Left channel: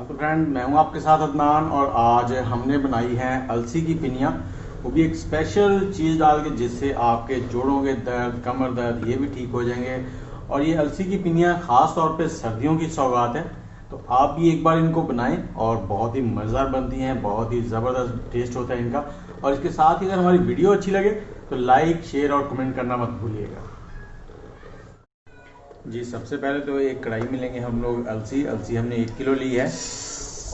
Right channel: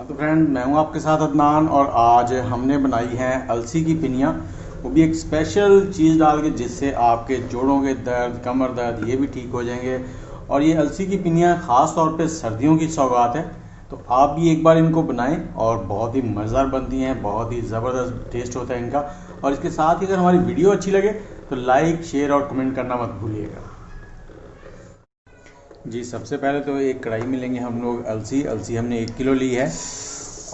हाँ तो फ्रेंड, मैं हूँ आपके साथ अदनान और आज हमने बनाई हैं अलसी की पिनियाँ। वो भी एक स्पेशल चीज़ डाल के जिससे आपके जोड़ों के दर्द, कमर दर्द ये भी ठीक हो जाएंगे। और ये अलसी की पिनियाँ ख़ास तौर पे सर्दियों की सौगात है। तो आप भी एक बार इनको बनाएं और बहुत ही मज़ेदार बनती हैं, बहुत ही ज़बरदस्त टेस्ट होता है इनका। और इसके साथ ही अगर हमारी वीडियो अच्छी लगे तो लाइक, शेयर और कमेंट करना मत भूलिएगा। जी, सबसे पहले तो एक कढ़ाई में लेंगे हम लोग अलसी। अलसी हमने 1 किलो ली है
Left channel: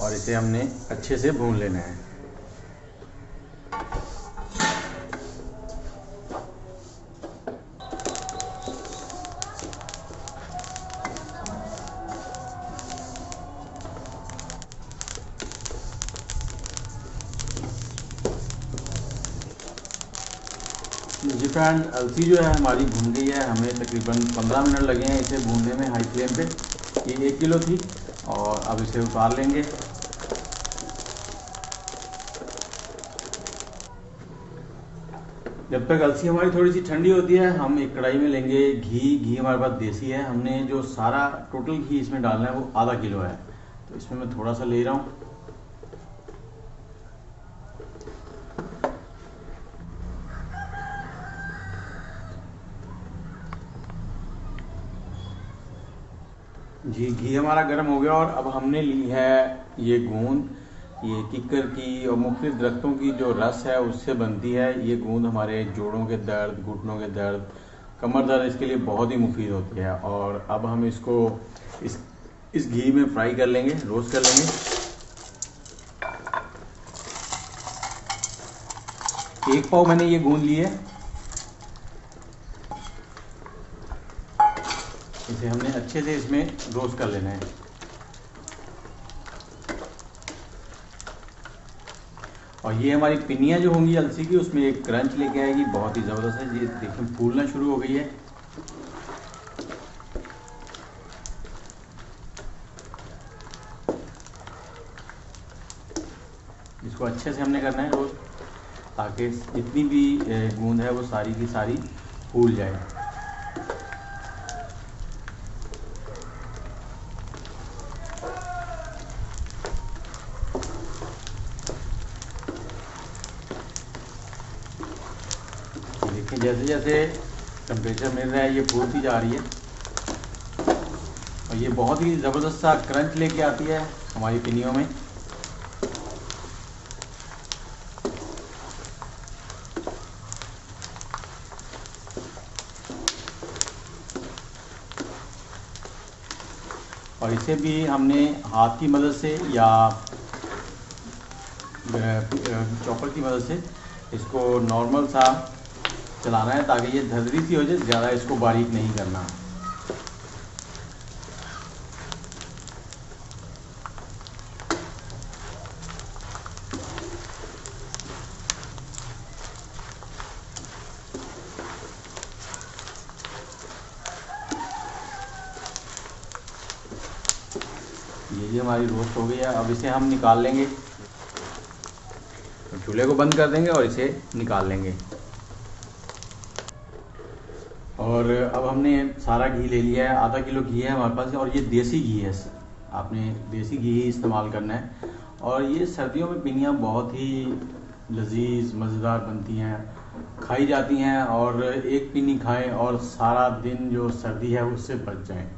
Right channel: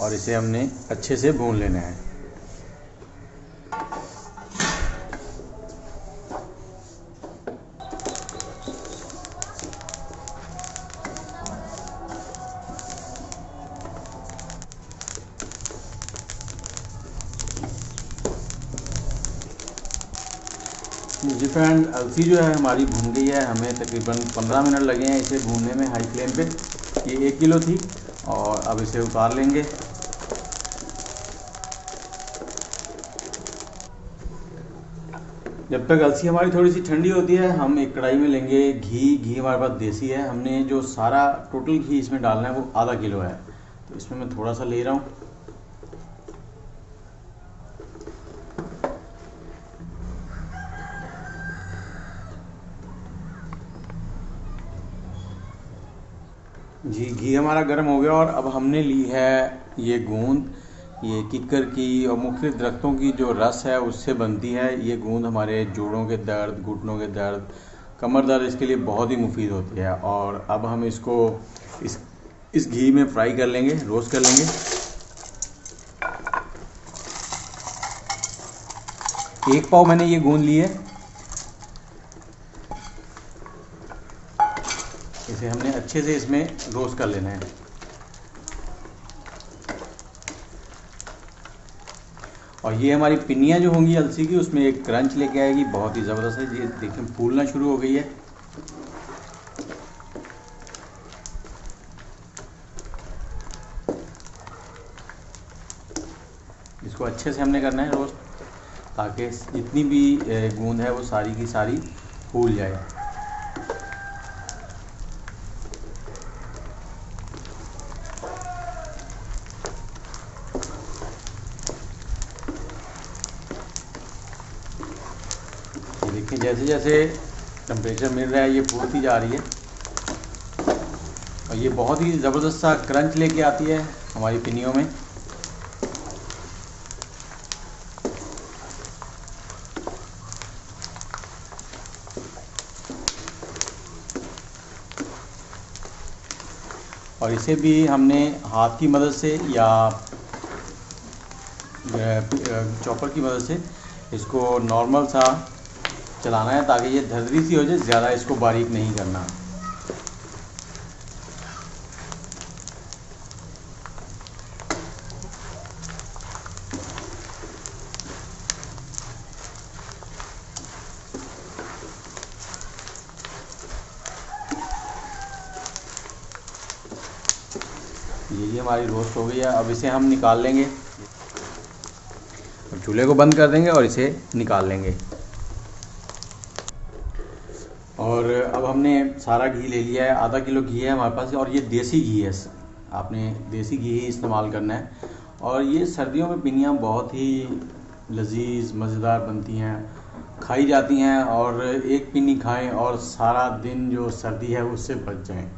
और इसे हमने अच्छे से भून लेना है। जी फ्रेंड, अलसी जो है हमारी भून गई है। हमें तकरीबन 15 मिनट लगे हैं इसे भूनने में हाई फ्लेम पे। ये 1 किलो थी और अब इसे उतार लेंगे। जब तक अलसी हमारी थोड़ी सी ठंडी होती है हम एक कढ़ाई में लेंगे घी। घी हमारे पास देसी है। हमने जो सारा टोटल घी इसमें डालना है वो आधा किलो है, तो इसमें मैं थोड़ा सा ले रहा हूँ। जी, घी हमारा गर्म हो गया और अब हमने ली है ये गूंद। ये किक्कर की और मुख्तलिफ दरख्तों की जो रस है उससे बनती है। ये गूंद हमारे जोड़ों के दर्द, घुटनों के दर्द, कमर दर्द इसके लिए बहुत ही मुफीद होती है। और अब हम इसको इस इस घी में फ्राई कर लेंगे, रोस्ट कर लेंगे। 1 पाव मैंने ये गूंद ली है। इसे हमने अच्छे से इसमें रोस्ट कर लेना है। और ये हमारी पिनियाँ जो होंगी अलसी की उसमें एक क्रंच लेके आएगी, बहुत ही ज़बरदस्त है। ये देखिए फूलना शुरू हो गई है। इसको अच्छे से हमने करना है रोस्ट, ताकि जितनी भी गूंद है वो सारी की सारी फूल जाए। ये देखिए जैसे जैसे टेम्परेचर मिल रहा है ये फूलती जा रही है और ये बहुत ही ज़बरदस्त सा क्रंच लेके आती है हमारी पिनियों में। और इसे भी हमने हाथ की मदद से या चॉपर की मदद से इसको नॉर्मल सा चलाना है, ताकि ये धड़धड़ी सी हो जाए। ज़्यादा इसको बारीक नहीं करना। ये हमारी रोस्ट हो गई है। अब इसे हम निकाल लेंगे, चूल्हे को बंद कर देंगे और इसे निकाल लेंगे। और अब हमने सारा घी ले लिया है, आधा किलो घी है हमारे पास और ये देसी घी है। आपने देसी घी ही इस्तेमाल करना है। और ये सर्दियों में पिनियाँ बहुत ही लजीज मज़ेदार बनती हैं, खाई जाती हैं। और एक पिनी खाएं और सारा दिन जो सर्दी है उससे बच जाएं।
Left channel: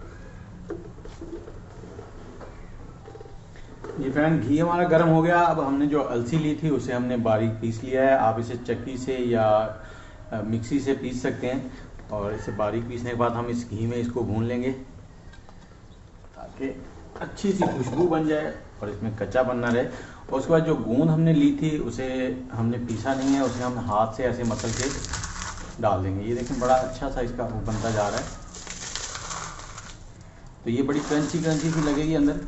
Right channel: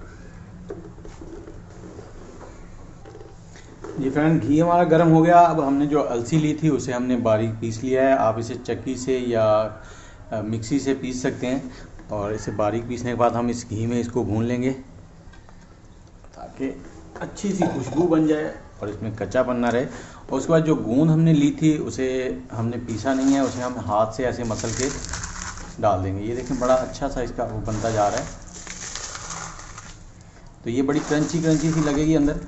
जी फ्रेंड, घी हमारा गर्म हो गया। अब हमने जो अलसी ली थी उसे हमने बारीक पीस लिया है। आप इसे चक्की से या मिक्सी से पीस सकते हैं। और इसे बारीक पीसने के बाद हम इस घी में इसको भून लेंगे, ताकि अच्छी सी खुशबू बन जाए और इसमें कच्चापन ना रहे। और उसके बाद जो गूंद हमने ली थी उसे हमने पीसा नहीं है, उसे हम हाथ से ऐसे मसल के डाल देंगे। ये देखें बड़ा अच्छा सा इसका वो बनता जा रहा है। तो ये बड़ी क्रंची क्रंची सी लगेगी अंदर।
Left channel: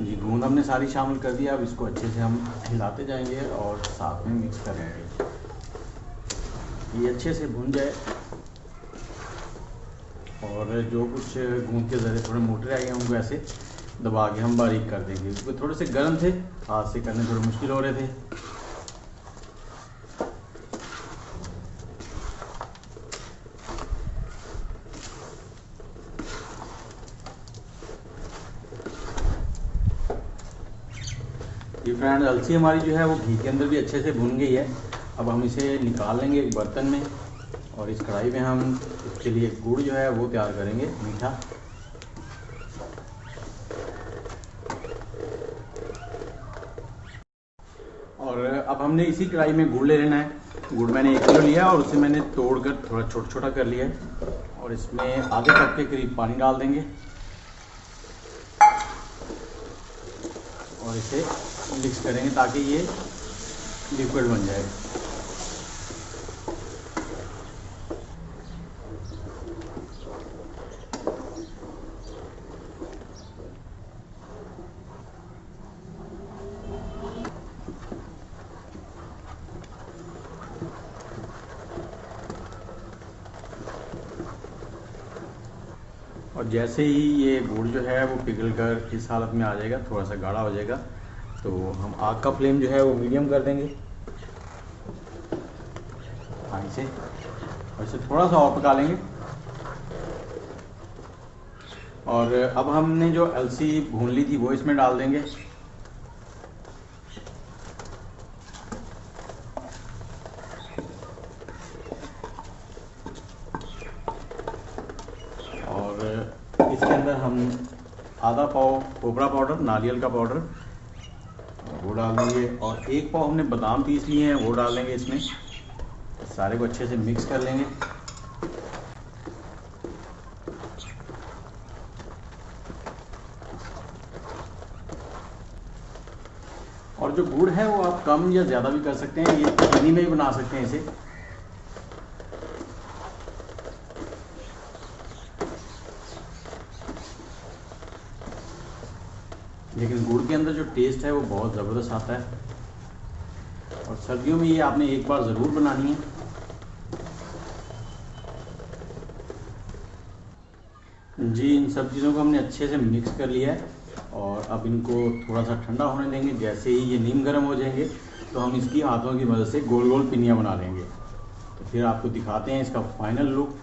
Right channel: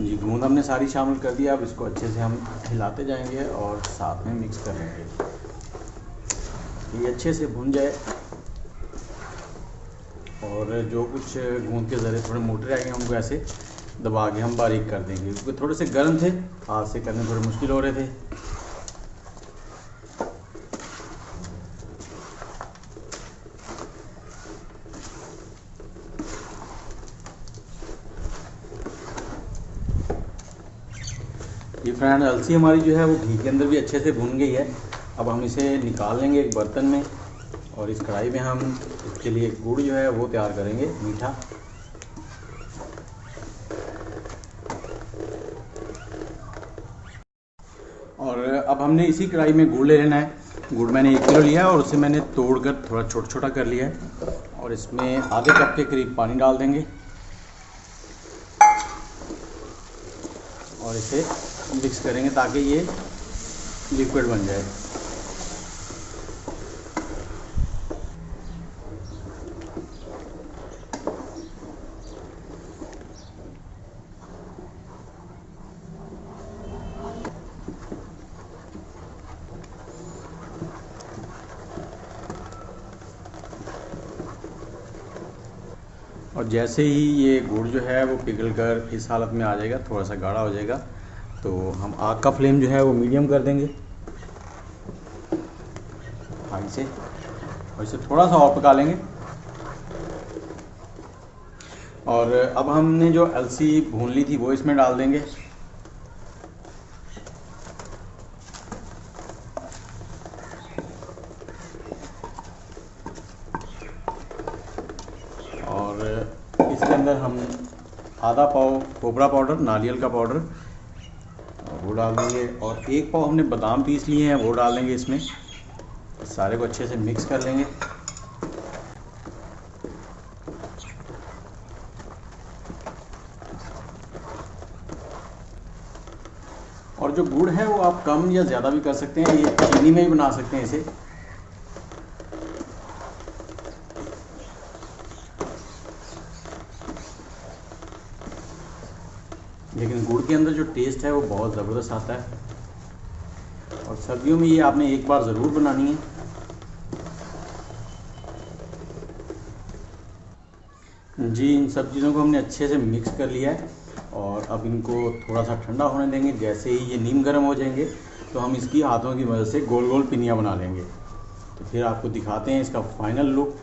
जी, गूंद हमने सारी शामिल कर दिया। अब इसको अच्छे से हम हिलाते जाएंगे और साथ में मिक्स करेंगे। ये अच्छे से भून जाए और जो कुछ गूंद के ज़रिए थोड़े मोटे रह गए उनको ऐसे दबा के हम बारीक कर देंगे, क्योंकि थोड़े से गर्म थे, हाथ से करने थोड़े मुश्किल हो रहे थे। जी फ्रेंड, अलसी हमारी जो है वो घी के अंदर भी अच्छे से भून गई है। अब हम इसे निकाल लेंगे एक बर्तन में और इस कढ़ाई में हम इसके लिए गुड़ जो है वो तैयार करेंगे, मीठा। और अब हमने इसी कढ़ाई में गुड़ ले लेना है। गुड़ मैंने 1 किलो लिया और उसे मैंने तोड़कर थोड़ा छोटा छोटा कर लिया है और इसमें आधे कप के करीब पानी डाल देंगे और इसे मिक्स करेंगे ताकि ये लिक्विड बन जाए। और जैसे ही ये गुड़ जो है वो पिघल कर इस हालत में आ जाएगा, थोड़ा सा गाढ़ा हो जाएगा, तो हम आग का फ्लेम जो है वो मीडियम कर देंगे हाई से और इसे थोड़ा सा और पका लेंगे। और अब हमने जो अलसी भून ली थी वो इसमें डाल देंगे। और इसके अंदर हम आधा पाव कोबरा पाउडर, नारियल का पाउडर वो डाल देंगे और 1 पाव हमने बादाम पीस लिए हैं वो डाल देंगे इसमें। सारे को अच्छे से मिक्स कर लेंगे। और जो गुड़ है वो आप कम या ज़्यादा भी कर सकते हैं, ये चीनी में भी बना सकते हैं इसे। लेकिन गुड़ के अंदर जो टेस्ट है वो बहुत ज़बरदस्त आता है और सर्दियों में ये आपने एक बार ज़रूर बनानी है। जी, इन सब चीज़ों को हमने अच्छे से मिक्स कर लिया है और अब इनको थोड़ा सा ठंडा होने देंगे। जैसे ही ये नीम गर्म हो जाएंगे तो हम इसकी हाथों की मदद से गोल गोल पिनियाँ बना लेंगे। तो फिर आपको दिखाते हैं इसका फाइनल लुक।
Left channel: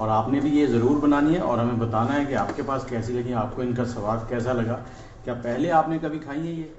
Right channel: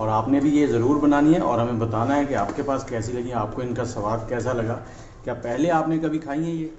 और आपने भी ये ज़रूर बनानी है और हमें बताना है कि आपके पास कैसी लगी, आपको इनका स्वाद कैसा लगा। क्या पहले आपने कभी खाई है ये?